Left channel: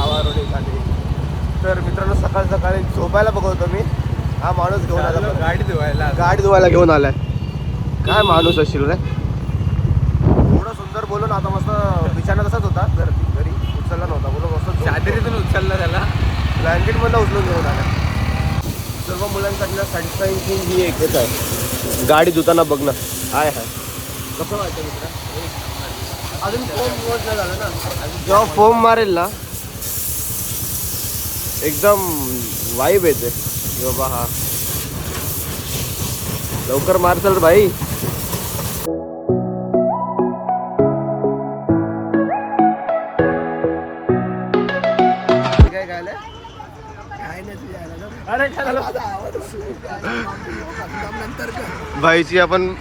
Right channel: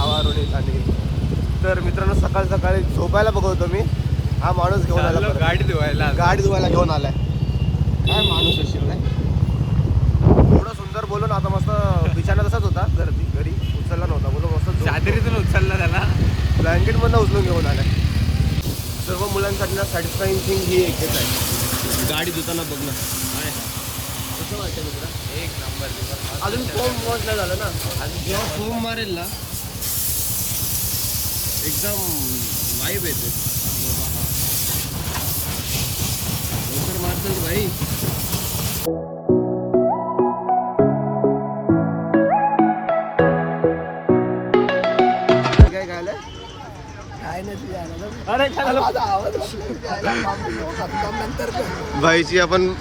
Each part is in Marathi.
गावारोडे खाली. तर मित्रांनो सकाळ सकाळी झोपायला बघवतो मी. हा माणूस घेऊन आला गाडी धुवायला घेऊन आलाय. काय माणूस असेल रे. एवढा सुंदर बोलून आता मस्त बिछाना तसाच होता घरी उचलला नव्हता. बोलो मस्त चादरीतून उचलला त्याला, ब्लँकेट मधनं उचलून घेऊन आलाय. सर्व मुलांसाठी ना सॅटिस्फाईंग थिंग ही एकच आहे, गाडी धुताना बघणं. हाय कसं वाटतं मित्र? एक नंबर. अजून फोम वॉश नाही झालं ना. जेव्हा फोम मारेल ना एकदम वाईब येते. बाबा हा लवकर मारचाल भाई. काय गायलं अरे भाईची आपण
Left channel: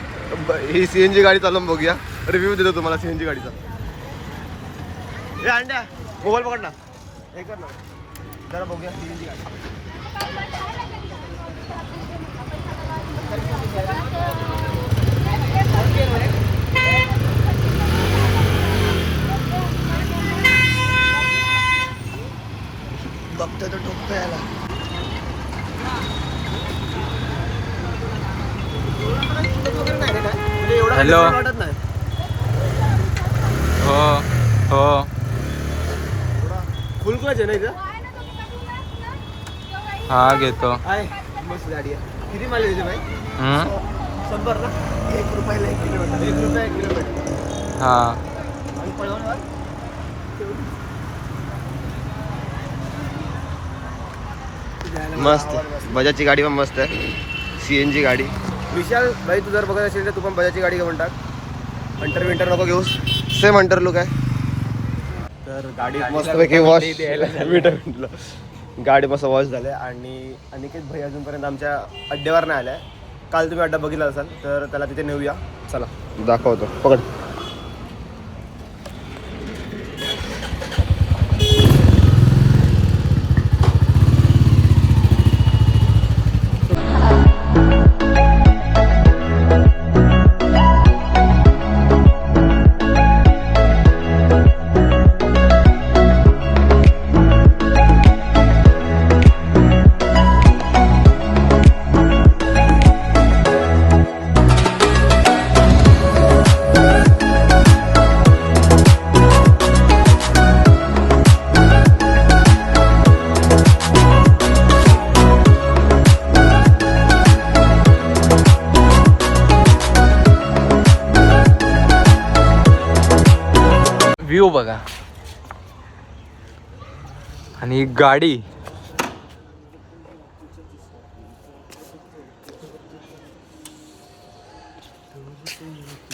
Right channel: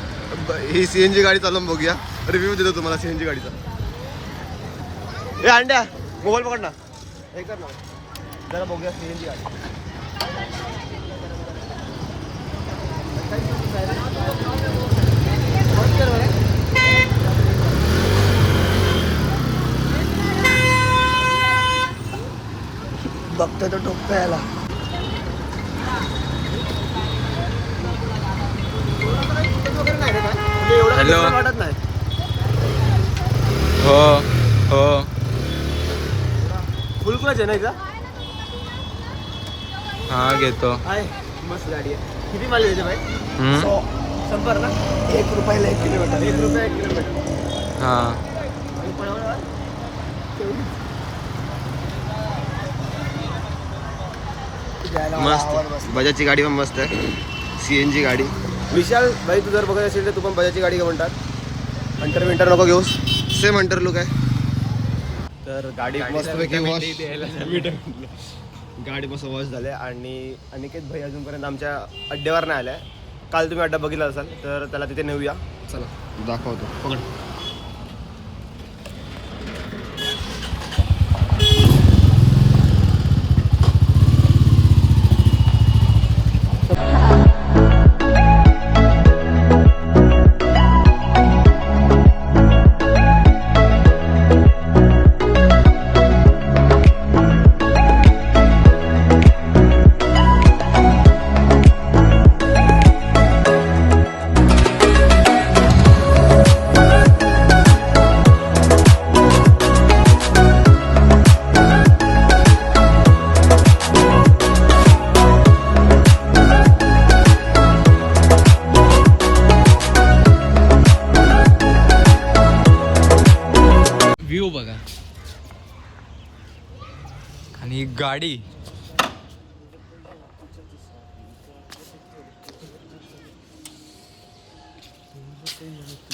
ही सीएनजी गाडी चालवून बघूया. रिव्ह्यू देतो तुम्हाला सीएनजी गाडीचा. ए अंड्या मोबाईल पकड ना, हे कर ना जरा बघूया सीएनजी गाडी. बघतोय तो टोकप्याला. हॅलो. वाटत नाही. हो हो फुल क्लच आहे ना इथं. हा घेतो. आहे मस्त गाडी आहे. किती माल देते भाई? 100 ना. 1 रुपयाला 1 किलोमीटर. 1 रुपया 1 किलोमीटर. हा आणि पळवण्यावर मस्त. बजाजची गाडी पण मस्त आहे, सीएनजी गाडी. विशाल भाई तू जर बघत असेल तर तू पण बजाजची गाडी घेऊन टाक. हंटर विंटर नको घेऊस, सेम हंटर लुक आहे. तर गाडी मस्तपैकी वॉश गाडी मस्त वॉश झाले. आणि अनिकेत भाई अजूनपर्यंत आमच्या अड्ड्यावर नाही आलाय. काल तुम्ही अड्डा बघितला असाल तर त्याला तिथे नेऊया. चला दाखवतो, पकड. व्ह्यू बघा. आणि गाडी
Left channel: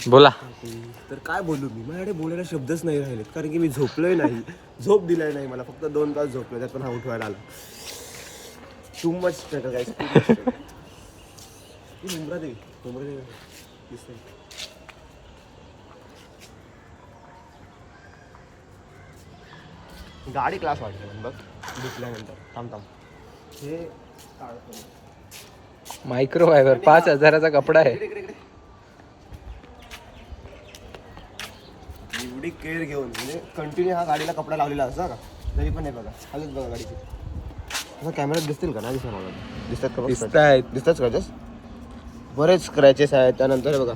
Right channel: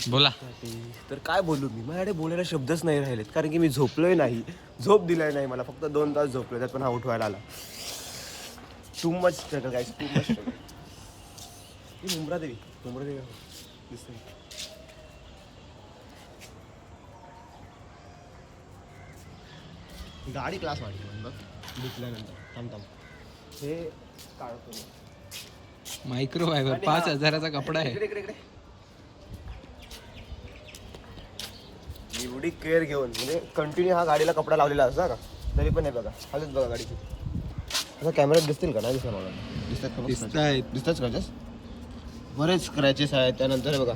बोला. तर काय बोलू मी, माझ्याकडे बोलायला शब्दच नाही राहिलेत. कारण की मी झोपलोय नाही, झोप दिलाय नाही मला. फक्त 2 तास झोपलोय, त्यात पण हा उठवायला आला. टू मच स्ट्रगल गाईस. मुंब्रादेवी दिसतंय. गाडी क्लास वाटते बघ दुखल्यानंतर. थांब हे काढतो. मायक्रोफायबर 5000चा कपडा आहे. एवढी केअर घेऊन म्हणजे कंटिन्यू हा गाडीला कपडा लावलेला असता का तरी पण नाही. बघा अजून बघा गाडीची. असं कॅमेऱ्यात दिसतील का? नाही दिसणार मला. दिसतात का? दिसतात स्क्रॅचेस, बरेच स्क्रॅचेस आहेत. त्यानंतर हे बघा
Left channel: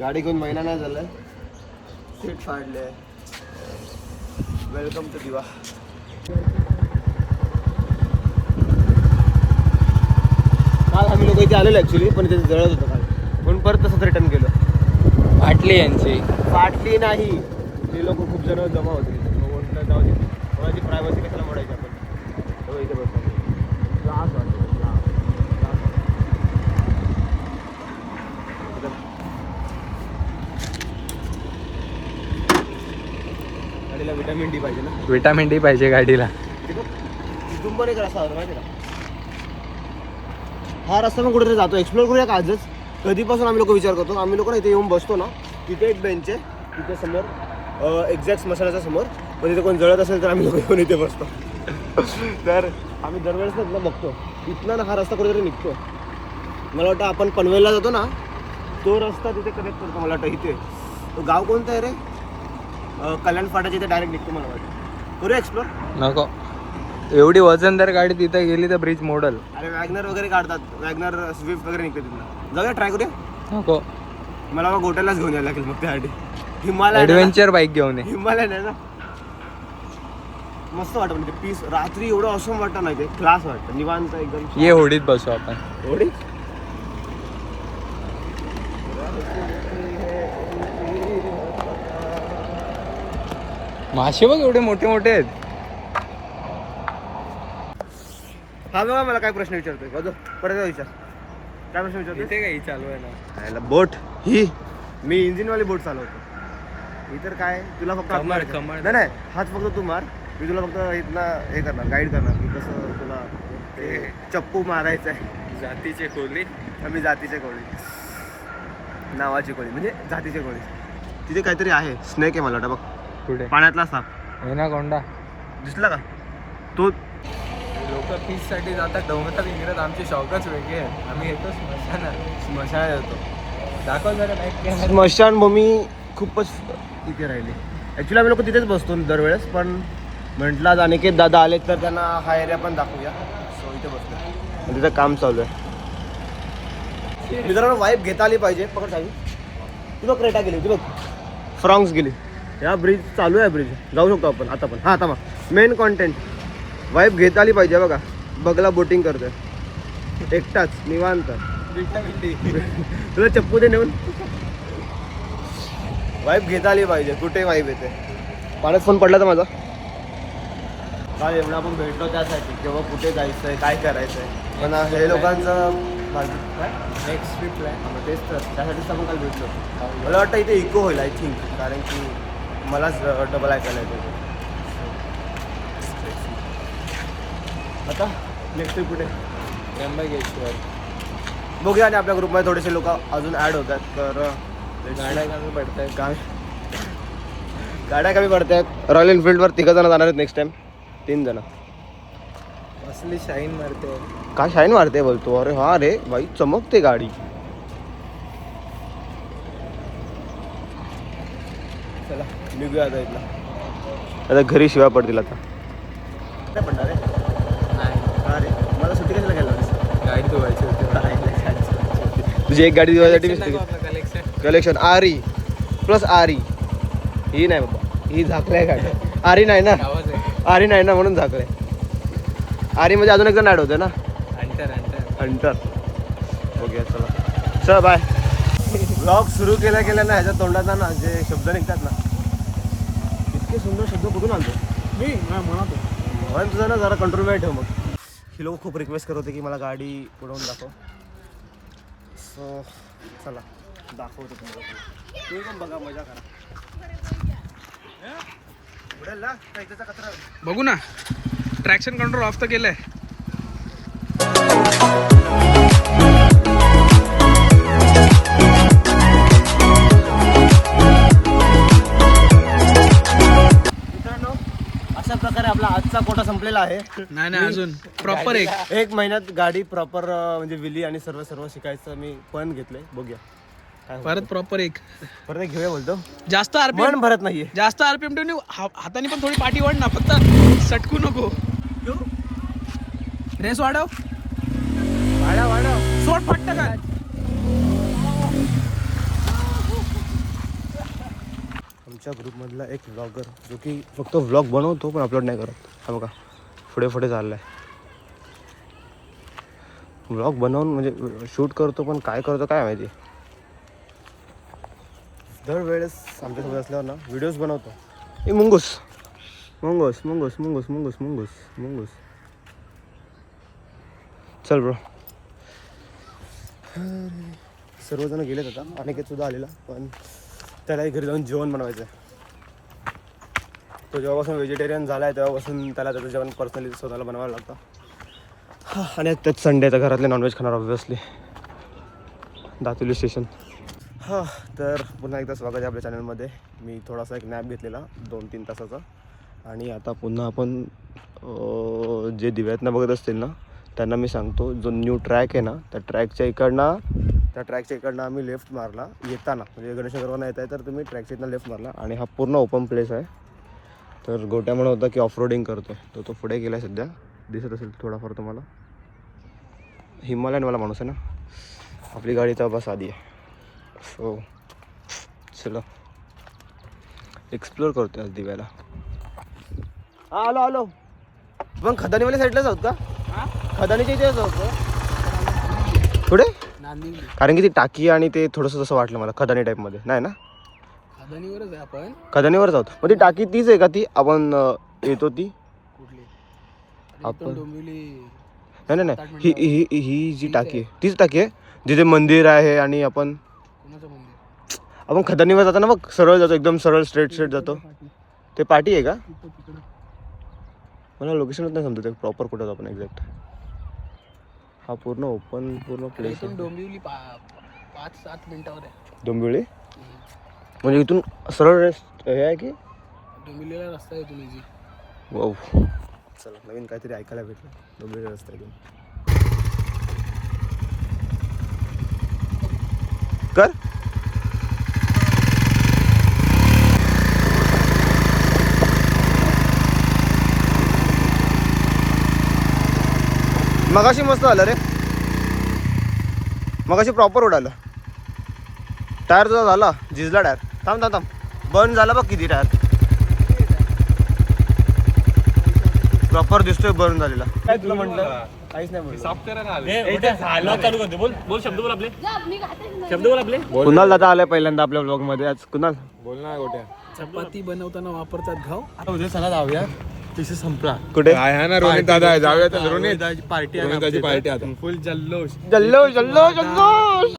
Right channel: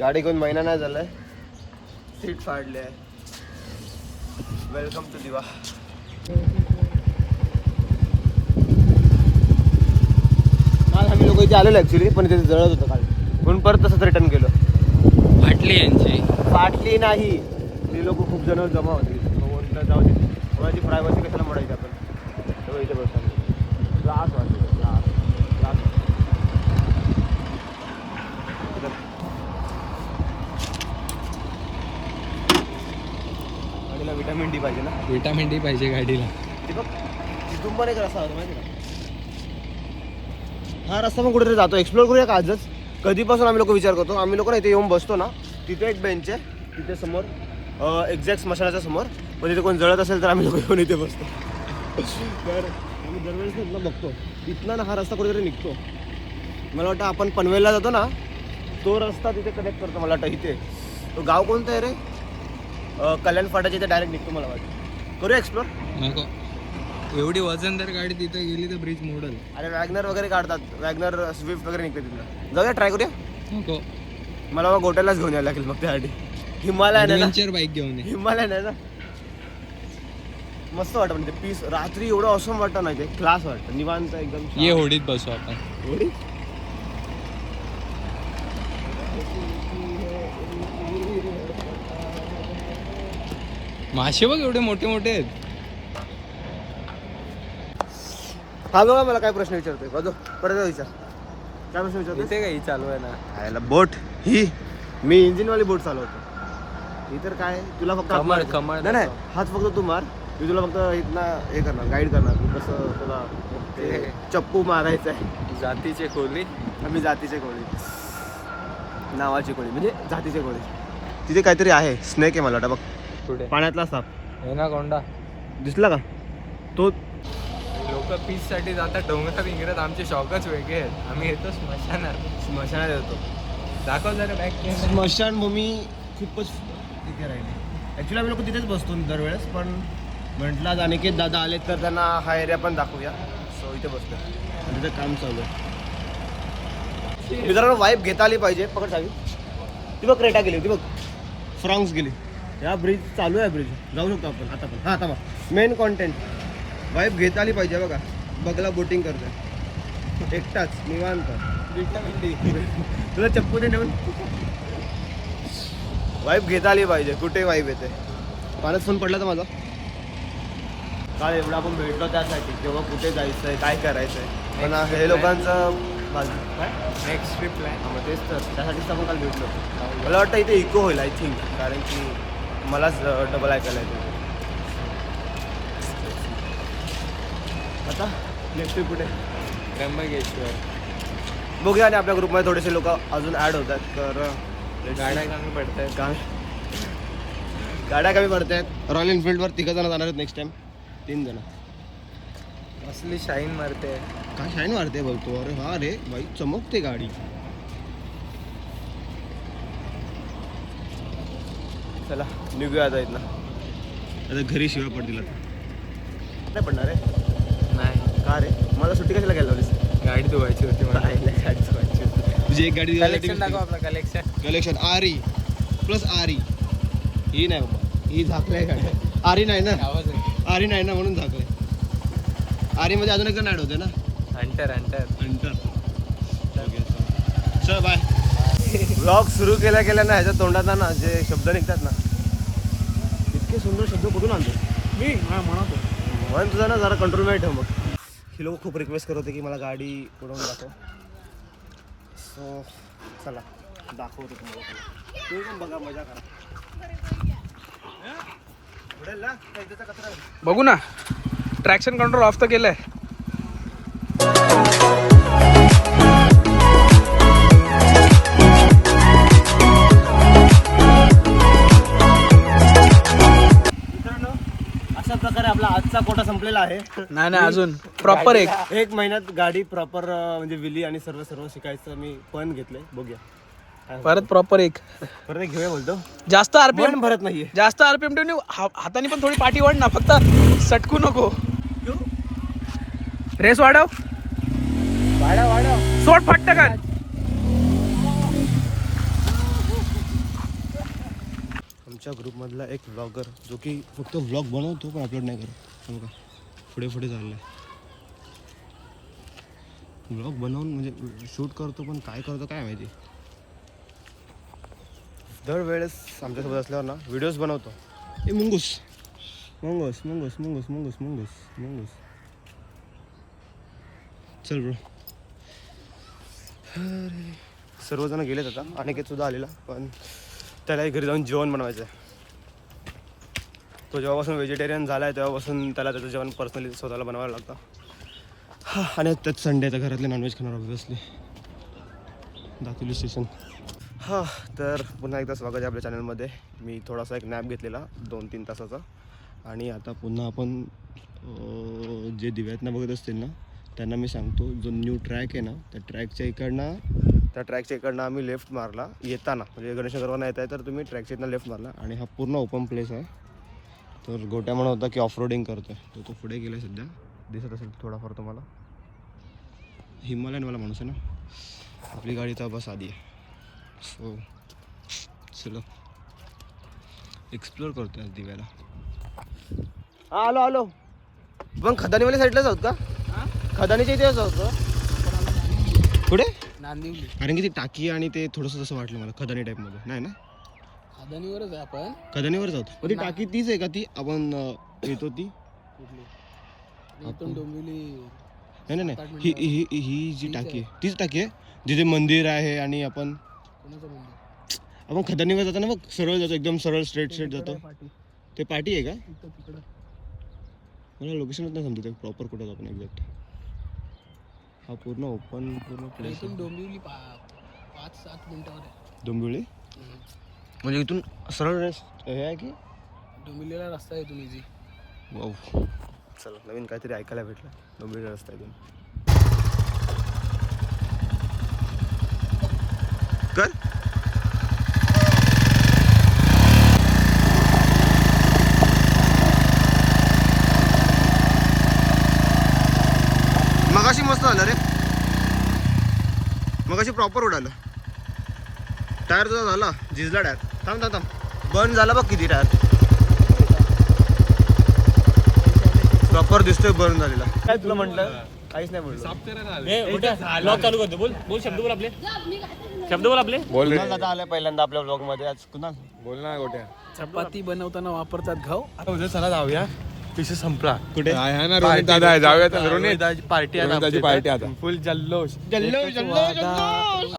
गाडी घेऊन महिना नाही झालाय, सीट फाडले. वेलकम टू दिवा. काल आम्ही लोक इथे आलेलो ॲक्च्युली, पण इथे जळत होतं काल, म्हणून परत तसंच रिटर्न केलं. फाटली यांची. फाटली नाही, ते लोक खूप जण जमा होते तिथे. म्हटलं जाऊ दे, कोणाची प्रायव्हसी कशाला मोडायची आपण. तेव्हा इथे बसतो. त्रास वाटतो, गाडीला विटॅमिन डी पाहिजे ना. विटामिन डी पाहिजे गाडीला. तिथून पण एक रस्ता होता माहिती का. हा रस्ता पण कुठेतरी जातो, एक्सप्लोर करूया का आजच. कधीपासून आम्ही लोक विचार करतो. आम्ही लोक ना इथे येऊन बसतो ना, तिथे एक बेंच आहे तिथे समोर, एक्झॅक्ट स्मशानाच्या समोर. पण तिथे कोण जळत असेल तर आम्ही लोक येऊन इथे बसतो. तर आम्ही दरवेळेस ना बघतो इथला ना हा रस्ता कुठेतरी निघतो. मला वाटतं आपण पनवेलला जातो ना तो रस्ता तिथे कनेक्ट करतो. मला वाटतं इथे तो गाव कोणतं आहे रे, कल्याण फाटाच्या इथे डायरेक्ट निघतो मला वाटतं. करूया एक्सप्लोर. नको, एवढी वजनदार गाडी तिथे गेली तर ब्रिज मोडल. अरे वॅगनर वगैरे काढतात, वॅगनर स्विफ्ट वगैरे निघते तिथं. जाऊया, ट्राय करूया. नको, मला मग गोट्यालाच घेऊन यायला लागेल मग त्यासाठी. हिमालय ऍडव्हेंचर बाईक घेऊन ये. हिमालय नाही ना, मस्त वाटतं म्हणजे पीस. रात्री एवढं ऑसम वाटतं नाही ते, क्लास वाटतं, निवांत एकदम. ये होडीत बसू आपण. होडी मासे बघ एवढे मोठे मोठे आहेत. हा बघा मला काय प्रश्न विचारतोय बघ, परत विचार. काय प्रश्न विचारतोय? इथे काही चालवायला खायला बोट ही मी इंजिनवाली बोट चालवतो. ही तर काय तुला फक्त हात कमळ- मारायचं. कमळ नाही नाही, हात फक्त तू मार, मी तुला फक्त इथनं हे करणार, गाईड करणार की कसं तुला ते चप्पू मारायचं आहे. जातीचे खोली. आम्ही जातीचे कोळी, नावाची कोळी म्हणजे जातीचे कोळी. तिथे काहीतरी आहे, स्नेक आहे मला वाटतं बघ, पुढे पाण्यातला साप कोंडा दिसला का तो. लोक पीस साठी जातात डोंगरात इंगरात. आमचे शौकच वेगळे आहेत. आम्ही येतो स्मशानात. स्मशानात येतो. दाखव जरा बॅग. स्मशानभूमी खूपच तिथे राहिली. ॲक्च्युली आम्ही लोक तिथेच बसतो दरवेळेस, पण म्हटलं आज अनिकेत दादा आले तर त्यांना हा एरिया पण दाखवूया. सो इथे बसलो आणि तिथं काम चालू आहे. मित्रांनो वाईफ घेता आली पाहिजे. पकड चावी. ती बघ क्रेटा गेली, ती बघ फ्रॉंग्स गेली. या ब्रिज चालू आहे, ब्रिज जाऊ शकतो आपण आता पण. हां आता मग मेन कॉन्टेंट वाईफ घेता आली पाहिजे. बघा बघला बोटिंग करतोय एकटाच निवांत. तुला चप्पू दे नेऊन. वाईफ घेता आली पाहिजे. कुठे वाईफ येते. पाण्यात फोन पडला तर माझा. काल एवढा आपण भेटलो त्यासाठी, किंवा कुठे जायचं आहे, काय करायचं आहे. पण हे लोकांचं काय नेक्स्ट ट्रिप प्लॅन. मग तेच तर, त्यासाठीच आपण काल भेटलो. मला वाटतं इथे इको होईल आय थिंक, कारण की मलाच डबल ऐकायला येतो. आता नेक्स्ट ट्रिप कुठे? त्र्यंबकेश्वर. बघूया. आणि आपल्या ग्रुपमध्ये थोडेसे लोक अजून ॲड होत आहेत, तर गाड्या कमी पडत आहेत. गाड्या कमी पडत आहेत. रॉयल एनफिल्डवर 3 जण जाणार आहेत नेक्स्ट टाइम. 3 जण. असली शाईन मारते. काय शाईन मारते बोलतो? अरे हा रे बाई, चमकते गाडी. चला निघूया आता इथला. आता घरी शिवाय पडतील आता. नाही पडणार रे. नाही, हा रे, मला सुट्टी कशाला घ्यायला लावलीस? गाडी धुवायची होती. तुझी एक गाडी धुवायसाठी कलेक्शन. कलेक्शन आरी प्लस आरी. ही नाही बाबा, ही झाकलाय गाडी. आरी नाही ना, आरी नाही ना, म्हणून झाकलाय. आरी मध्ये अजून एक जण ॲड होते ना, अंटर. अंतर. ओके चला, चल बाय. ब्लॉग सुरू केल्या ना ह्याच्या तोंडात ना जे शब्द निघतात ना, इतके सुंदर शब्द कुठून आणतो मी म्हणतो. म्हणून तुझा ना जरा कंट्रोलमध्ये ठेव. मग ही लोक खूप रिक्वेस्ट करत होते की मला गाडी उडवून दाखव. सो चला दाखवतो तुम्हाला. तुम्ही पण बघा, मजा करा. उडेल ना त्याचा कचरा. बघू ना, ट्रॅक्शन कंट्रोल ऑफ तर केलंय. मित्रांनो अशा प्रकारे आपला आजचा कोटा संपलेला आहे. नाही अजून प्रॉपर एक महिन्यात गाडी प्रॉपर म्हणजे विली आणि सर्व शिकायचं मी पण घेतलंय. बघूया काय परत प्रॉपर परत एक घेऊया बोलतो. जास्त आरपीएम मन भरत नाहीये. जास्त आरपीएम ठेवून हाताने पण थोडी पाठी वाढ ना, फक्त सटकू नको. रेस वाढव. सोड फटकन. आमच्या ग्रुपमधला एक व्लॉगर जो की फक्त व्लॉग बनवतो पण अपलोड नाही करत. हा बघा पुढे चाललाय. व्लॉग बनवून म्हणजे शूट करतो पण काय करतो काय माहिती. दरवेळेस आमच्यासोबत असल्यावर ना व्हिडिओज बनवतो. ए मुंगूस मुंगूस मुंगूस मुंगूस मुंगूस मुंगूस मुंगूस. चल ब्रो. सर्वजण गेलेत आता. अनिकेत सुद्धा आलेला, पण त्यालाही घरी जाऊन जेवण बनवायचं आहे. तो जेव्हापासून व्हेजिटेरियन झाला आहे तेव्हापासून त्याला त्याचं जेवण पर्सनली स्वतःला बनवायला लागतं. आणि त्यात संडे तर घरातले नॉनव्हेज खाणार ऑब्व्हियसली. दातुली स्टेशन. हां, तर पुन्हा एकदा स्वागत आहे आपल्या चॅनलमध्ये. मी थोडासा एक नॅप घेतलेला 2-3 तासाचा, आणि आता पुन्हा आपण जे दिव्यातनं बघत असतील ना त्यांना मी सांगतो, जो न्यू ट्रॅक आहे ना त्या ट्रॅकच्या इकडनं आम्ही लेफ्ट मारला येताना, म्हणजे गणेशनगरवरनं येत आहे तर तुम्ही ट्रॅकच्या इथनं लेफ्ट मारला, आणि हा पूर्ण ओपन प्लेस आहे. तर गोट्या म्हणत होता की ऑफ रोडिंग करतोय, तर तो पुढे गेलाय सध्या, दिसत असेल थोडाफार तुम्हाला. हिमालयनवाला माणूस आहे ना. आपली गाडी तर बस आधी आहे. सो चलो एक्सप्लोर करतोय आज दिव्याला. हा आलो आलो. पण खदानीवाल्या साईडलाच आहोत का? खदानीच्या इथेच आहोत का? पुढे नांदिवली कारण की ती टाकी आणि ते थोडंसं जसं वाटलं मला खदानी टाईपमध्ये नाही ना. खदानीवरच आहे आपण. खदानीवरच आहोत. मग ती टाकी तीच आहे का ती आपण येतो ती? कुठली आपण डोंबिवली. नाही नाही नाही ही ही ही जी टाकी आहे तीच टाकी आहे जिथे मंदिर आहे आणि आपण कोणाचं मंदिर? आपण खदानीवर जातो ना बघ, सरळ जातो एकदम सरळ स्ट्रेट जातो. ते पाटी आहे का? तिकडं मला लोकेशनच नाही समजत प्रॉपर कुठं होतं आपण एक्झॅक्ट. हा पूर्ण ओपन पूर्ण प्लेस इथून डोंबिवली 5-7 मिनिटावर आहे. डोंबिवली म्हणजे इथून सरळ हे आहे की डोंबिवलीला रस्ता आहे इथून इझी. वाव. चला नवीन काहीतरी ऐकायला भेटलं. डोंबिवली रस्ता इथून कर. मगाशी मस्त आलं रे, मगाशी प्रॉपर उडालं. टायर जर झाला झिजला टायर. थांब थांब थांब बर्न झाला बघ किती टायर. प्रॉपर दिसतोय बर्न झालेला. काय तुला म्हटलं? काहीच नाही म्हटलं. साफ करायला आले. कुणाल दादा आलाय पहिल्यांदा आपल्या ब्लॉग मध्ये. आज कुणाल बोल ना गोट्या. चपाती बनवताना वापरतात घाव. आता उद्या चला जाऊया. तिथे संपला. कुठे? आहे ना रोहित दादा आहे. जाऊया तर रोहित पार्टी दादाची पार्टी आता. फुल जल्लोष. जल्लो जल्लो जल्लो.